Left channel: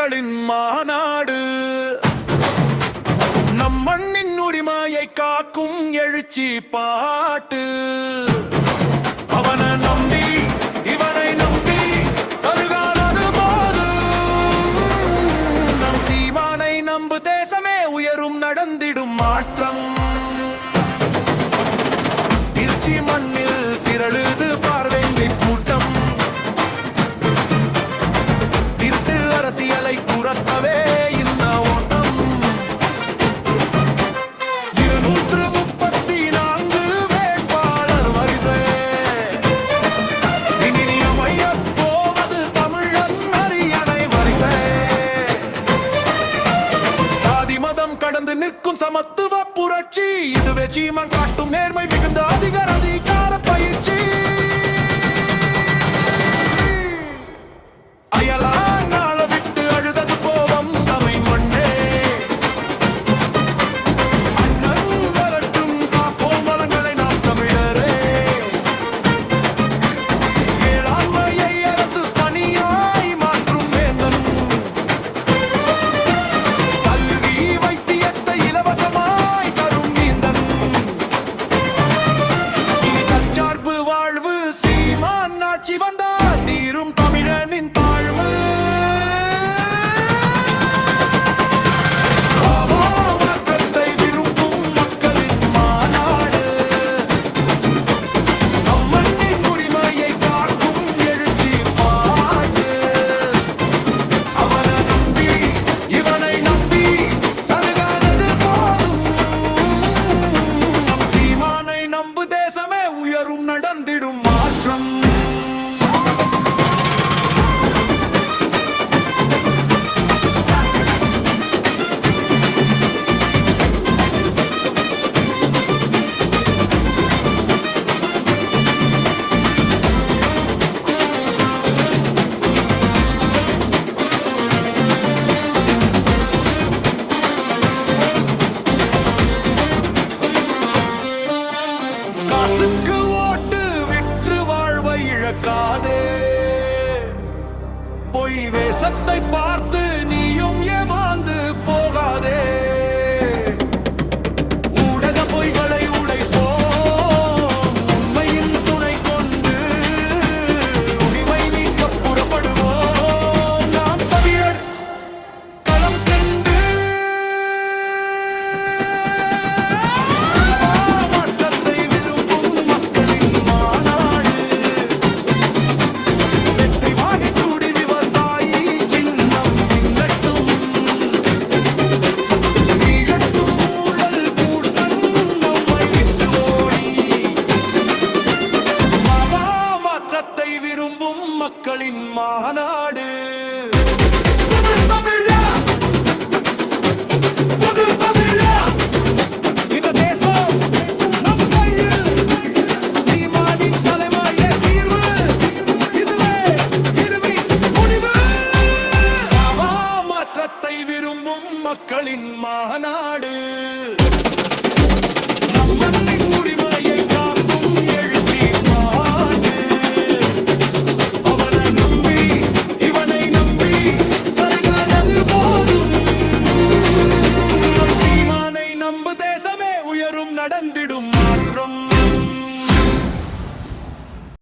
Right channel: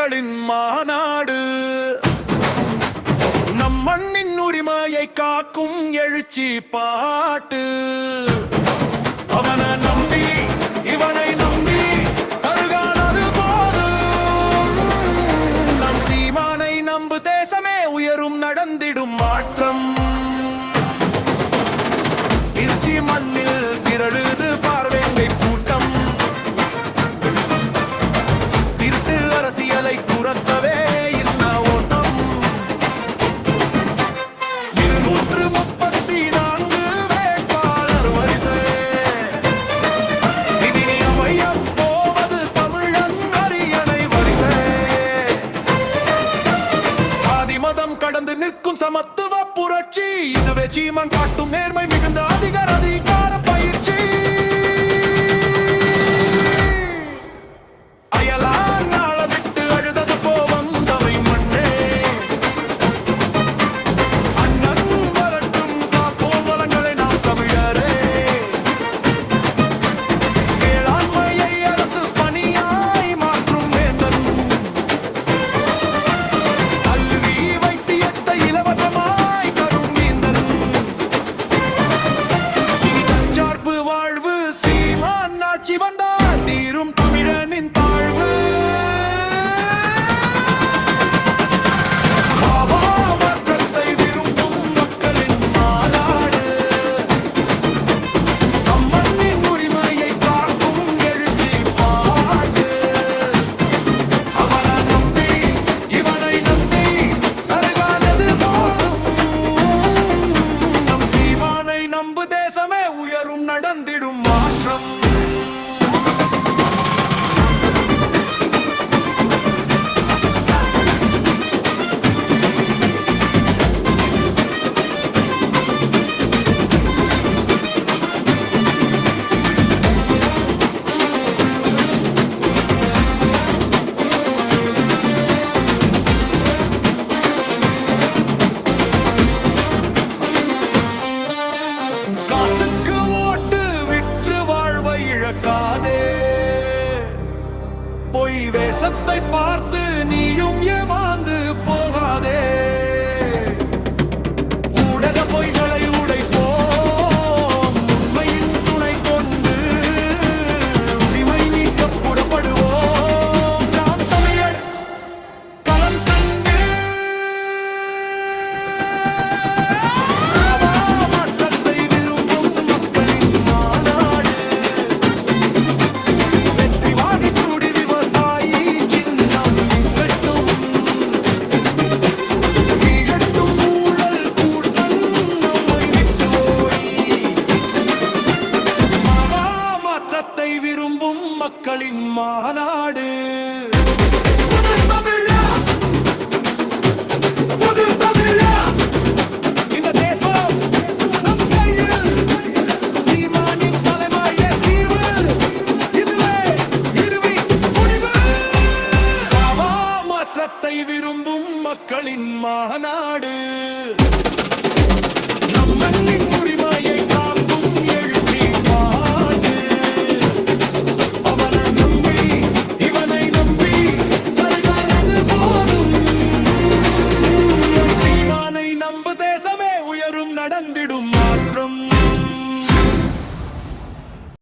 மக்களின் மாநாடு. நம் மண்ணின் உரிமையை காக்கும் எழுச்சி பாட்டு. அவனை நம்பி இவனை நம்பி சருகானது போதும் நம் சீமானை நம்பு தேசமே உயரும் நடந்திடும் மாற்றம். திருச்சி மண்ணில் திரழுது அரசியலை துரத்தவே இன்ன ஓட்டம். இருநூற்று முப்பத்தி நான்கு வேட்பாளர் வரிசை. இனி அமைய போவது தமிழன் அரியணை வரிசை. சாதி மதம் கடந்து நிற்கும் சமத்துவ புரட்சி. இதுவே சீமன் காட்டும் நேர்மை மிகுந்த அதிகார அதிகார பயிற்சி. தமிழனின் தாழ்வு. மாற்றத்தை விரும்பும் மக்களின் மாநாடு. நம் உரிமையை காக்கும் எழுச்சி பாட்டு. அவனை நம்பி இவனை நம்பி சருகானது போதும். நம் சீமானை நம்பு தேசமே உயரும் நடந்திடும் மாற்றம். இழக்காதே. பொய் வேசத்தை பார்த்து நீயும் ஏமாந்து போகாதே. மாற்றத்தை விரும்பும் மக்களின் மாநாடு. நம் மண்ணின் உரிமையை காக்கும் எழுச்சி பாட்டு. அவனை நம்பி இவனை நம்பி சருகானது போதும். நம் சீமானை நம்பு தேசமே உயரும் நடந்து